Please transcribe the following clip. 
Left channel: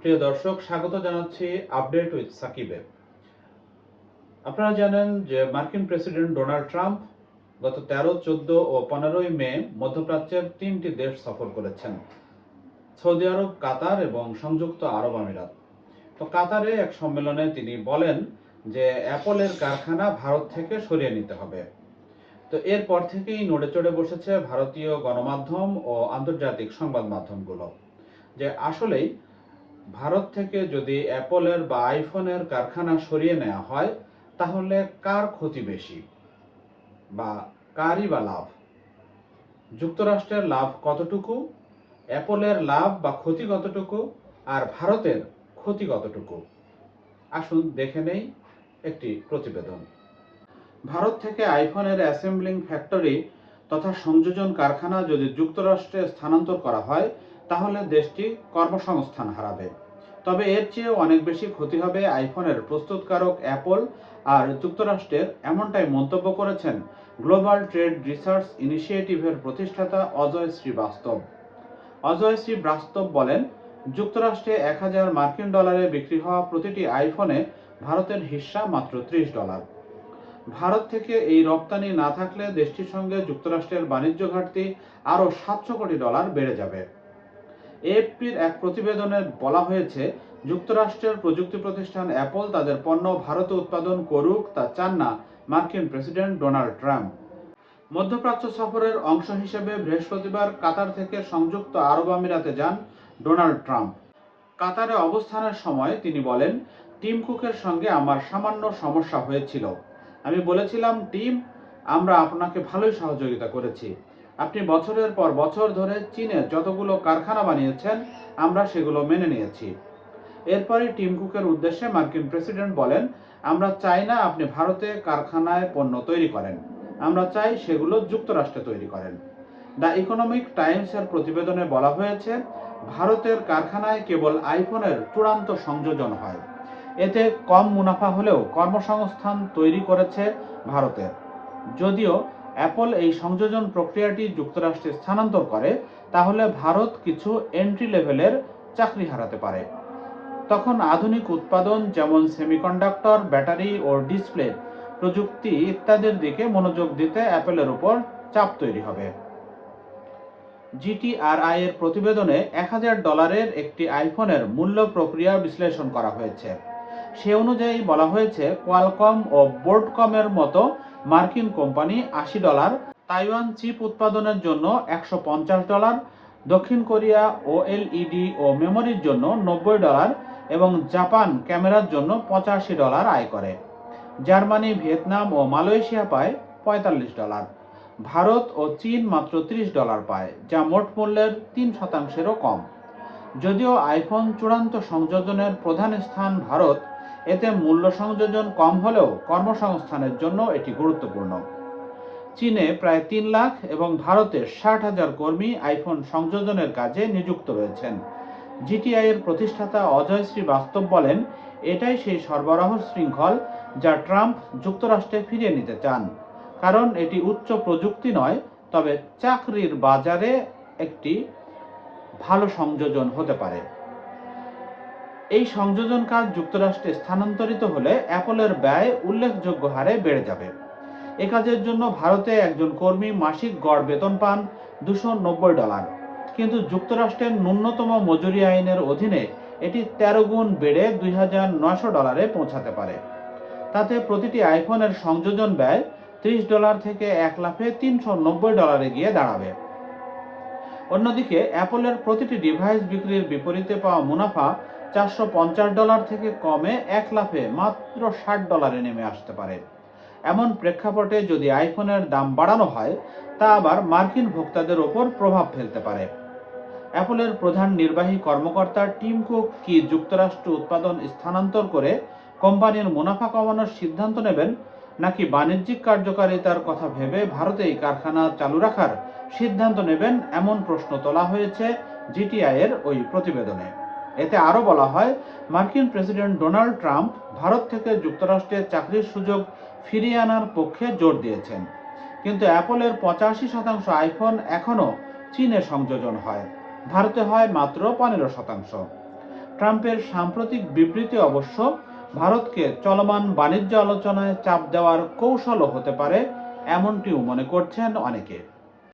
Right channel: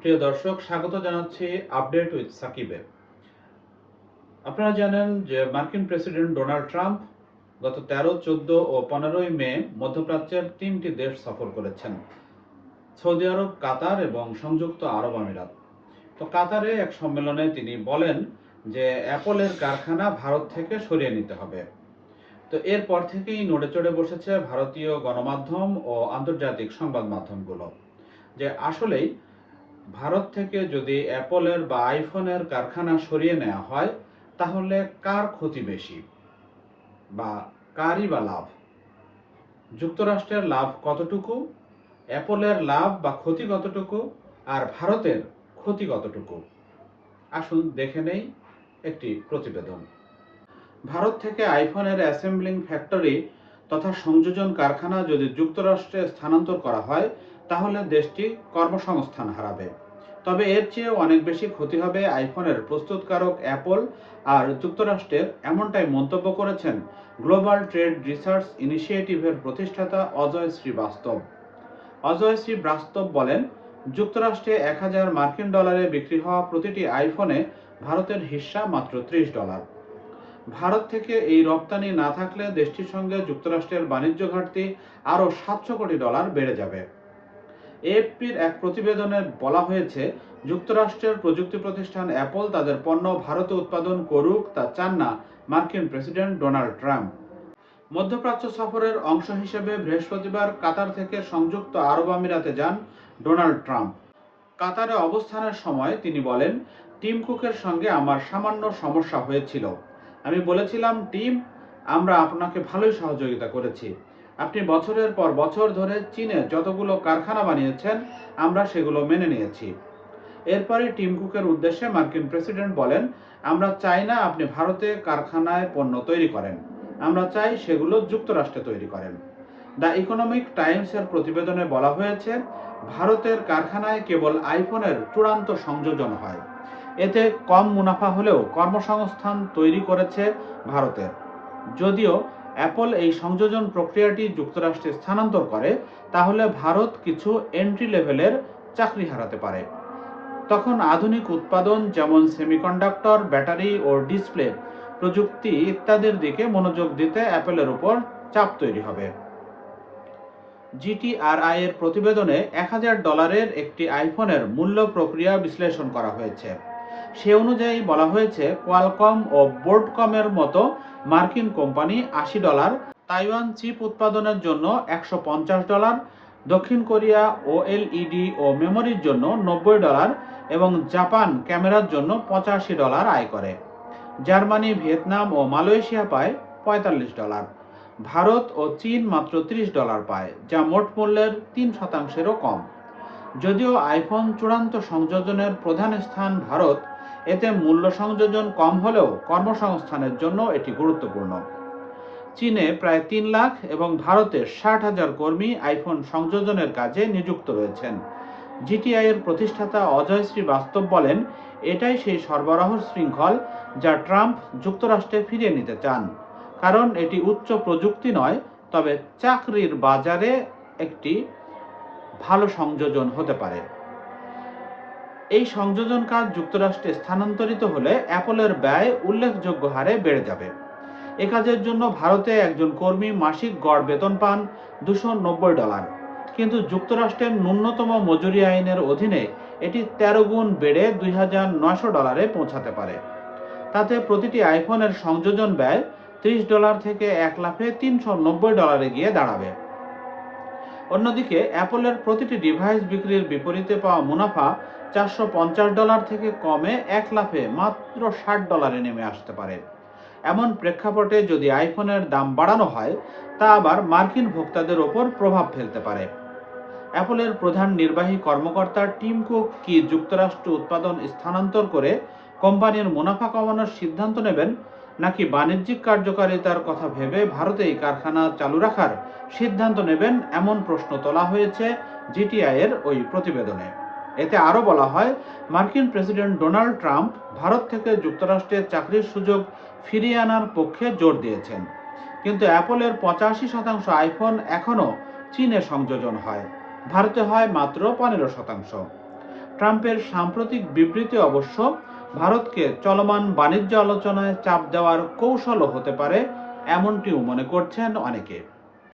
প্রিয় দর্শক, স্বাগত জানাচ্ছি আপডেট উইথ সাকিবে। আপনারা জানেন যে মার্কিন প্রেসিডেন্ট ডোনাল্ড ট্রাম্প গত তেরো, চোদ্দ ও পনেরোই মে মধ্যপ্রাচ্যের তিনটি দেশ সফর করেছেন, সৌদি আরব, কাতার এবং সংযুক্ত আরব আমিরাত। তো কাতারে এক সম্মেলনে তিনি বলেন যে অ্যাপলের কারখানা ভারত থেকে সরিয়ে নিতে হবে। তো এরপর থেকেই নড়ে চড়ে বসেছে ভারতীয় গণমাধ্যম ও আন্তর্জাতিক সংবাদ মাধ্যমগুলো, যে আসলেই ভারত থেকে যদি অ্যাপলের বা আইফোনের কারখানা সরিয়ে নেওয়া হয়, তাহলে কার ক্ষতি বেশি? বা কারই বা লাভ? যুক্তরাষ্ট্রের লাভ কতটুকু? অ্যাপলের লাভ বা ক্ষতি কতটুকু? আর ভারতের ক্ষতি কতটুকু? আসুন দেখে নেই একটি প্রতিবেদন। ভারত থেকে আইফোনের অ্যাসেম্বলিং ফ্যাক্টরি তথা সংযোজন কারখানা যদি যুক্তরাষ্ট্রে স্থানান্তর করা হয় তাহলে দেশটি কর্মসংস্থান হারাবে। তবে এর চেয়েও অনেক বেশি ক্ষতি হবে আইফোনের প্রস্তুতকারক অ্যাপল আর যুক্তরাষ্ট্রের এমনটাই মন্তব্য করেছেন গ্লোবাল ট্রেড রিসার্চ ইনিশিয়েটিভের প্রতিষ্ঠাতা অজয় শ্রীবাস্তব। অজয় শ্রীবাস্তব বলেন, যুক্তরাষ্ট্রে এক হাজার মার্কিন ডলারে বিক্রি হওয়া প্রতিটি আইফোনে ভারতের হিস্সা মাত্র ত্রিশ ডলার। ভারত থেকে এই রপ্তানি না থাকলে দেশটির সঙ্গে যুক্তরাষ্ট্রের বাণিজ্য ঘাটতি আরও সাতশো কোটি ডলার বেড়ে যাবে। এএফপির এক প্রতিবেদনে বলা হয়েছে, যুক্তরাষ্ট্রের প্রযুক্তি প্রতিষ্ঠান অ্যাপল তাদের পণ্য ভারতে উৎপাদন করুক তা চান না মার্কিন প্রেসিডেন্ট ডোনাল্ড ট্রাম্প। মধ্যপ্রাচ্য সফরের অংশ হিসেবে বৃহস্পতিবার কাতার থেকে সংযুক্ত আরব আমিরাতে যান ডোনাল্ড ট্রাম্প। কাতারে অবস্থানের সময় তিনি বলেন, টিম কুকের সঙ্গে আমার সামান্য সমস্যা হয়েছিল। আমি বলেছিলাম, টিম, আমরা আপনাকে ভালোই সহযোগিতা করেছি। আপনি বছরের পর বছর ধরে চীনে যতগুলো কারখানা বানিয়েছেন, আমরা সেগুলো মেনে নিয়েছি। এরপরে টিম কুকের উদ্দেশ্যে মার্কিন প্রেসিডেন্ট বলেন, আমরা চাই না আপনি ভারতে কারখানায় পণ্য তৈরি করেন। আমরা চাই সেগুলো যুক্তরাষ্ট্রে তৈরি করেন। দ্য ইকোনমিক টাইমসের প্রতিবেদনে বলা হয়েছে, ভারতের কারখানায় কেবল আইফোনের চূড়ান্ত সংযোজন হয়। এতে কম মুনাফা হলেও কর্মসংস্থান তৈরি করেছে ভারতের। যদিও অ্যাপল এই সংযোজন প্রক্রিয়াটি যুক্তরাষ্ট্রে স্থানান্তর করে, তাহলে ভারত কিছু এন্ট্রি লেভেলের চাকরি হারাতে পারে। তখন আধুনিক উৎপাদন যেমন সেমিকন্ডাক্টর ব্যাটারি ও ডিসপ্লে প্রযুক্তি ইত্যাদির দিকে মনোযোগ দিতে অ্যাপেলের উপর চাপ তৈরি হবে। জিটিআরআই এর প্রতিবেদনে এক হাজার ডলারের একটি আইফোনের মূল্য প্রক্রিয়া বিশ্লেষণ করা হয়েছে। সে অনুযায়ী বলা হয়েছে কোয়ালকম ও বোর্ডকমের মতো মার্কিন কোম্পানি আশি ডলার, তাইওয়ান চিপ উৎপাদনের জন্য একশো পঞ্চাশ ডলার, দক্ষিণ কোরিয়া ওএলইডি ও মেমোরির জন্য নব্বই ডলার এবং জাপান ক্যামেরার জন্য পঁচাশি ডলার আয় করে। জার্মানি, ভিয়েতনাম ও মালয়েশিয়া পায় পঁয়তাল্লিশ ডলার। ভারত ও চীন মাত্র ত্রিশ ডলার পায়, যা মোট মূল্যের তিন শতাংশেরও কম। যদিও আইফোন চূড়ান্ত সংযোজনের প্রধান স্থান ভারত এতে মূল্য সংযোজন কম হলেও কর্মসংস্থানের জন্য এটি গুরুত্বপূর্ণ। চীনে প্রায় তিন লাখ এবং ভারতে ষাট হাজার কর্মী আইফোন সংযোজনের কাজে নিযুক্ত রয়েছেন। জিটিআই এর প্রতিষ্ঠাতা অজয় শ্রীবাস্তব বলেন, এটাই সেই সরবরাহ শৃঙ্খল যা ট্রাম্প যুক্তরাষ্ট্রে ফিরিয়ে নিতে চান। কারণ এটি উচ্চ প্রযুক্তি নয়, তবে চাকরির বাজারে একটি ভালো সংযোজন হতে পারে। এই সংযোজন কাজ যুক্তরাষ্ট্রে স্থানান্তরিত হলে অ্যাপলের ব্যয় উল্লেখযোগ্য হারে বেড়ে যাবে। এ কাজের জন্য ভারতে একজন কর্মী মাসিক গড় বেতন পান দুশো ডলার। কিন্তু যুক্তরাষ্ট্রের ন্যূনতম মজুরি আইনের অধীনে এটি তেরো গুণ বেড়ে দুই হাজার নয়শো ডলারে পৌঁছাতে পারে। তাতে প্রতিটি আইফোনের সংযোজন ব্যয় ত্রিশ ডলার থেকে এক লাফে তিনশো নব্বই ডলারে গিয়ে দাঁড়াবে। অন্যদিকে, অ্যাপলের প্রতিটি ডিভাইস বিক্রির বিপরীতে পাওয়া মুনাফা চারশো পঞ্চাশ ডলার থেকে কমে এক লাফে মাত্র ষাট ডলারে নেমে আসতে পারে। এমন প্রেক্ষাপটে যদি আইফোনের দাম বাড়ানো হয়, তা আবার মার্কিন ভোক্তাদের ওপর প্রভাব ফেলতে পারে। অ্যাপলের প্রধান নির্বাহী কর্মকর্তা টিম কুক কি যুক্তরাষ্ট্র উৎপাদন স্থানান্তর করে কোম্পানির মুনাফা কমানোর সিদ্ধান্ত নেবেন, নাকি বাণিজ্যিক কার্যকারিতার কথা ভেবে ভারতেই কারখানা চালু রাখার সিদ্ধান্ত নেবেন, এমন প্রশ্ন তোলা হয়েছে জিটিআই এর ওই প্রতিবেদনে। এতে আরও বলা হয়, মার্কিন প্রেসিডেন্ট ডোনাল্ড ট্রাম্প ভারত থেকে যুক্তরাষ্ট্রে চাকরির সুযোগ ফিরিয়ে আনার পক্ষে জোর দিয়েছেন। কিন্তু অ্যাপলের পঁচাশি শতাংশ আইফোন এখনও চীনে সংযোজন হয়। ভারতে হয় মাত্র পনেরো শতাংশ। ট্রাম্পের সাম্প্রতিক বিবৃতি অবশ্য ভারতকে চলমান বাণিজ্য আলোচনায় চাপ দেওয়ার কৌশলও হতে পারে, এমনটিও মনে করছেন অনেকে।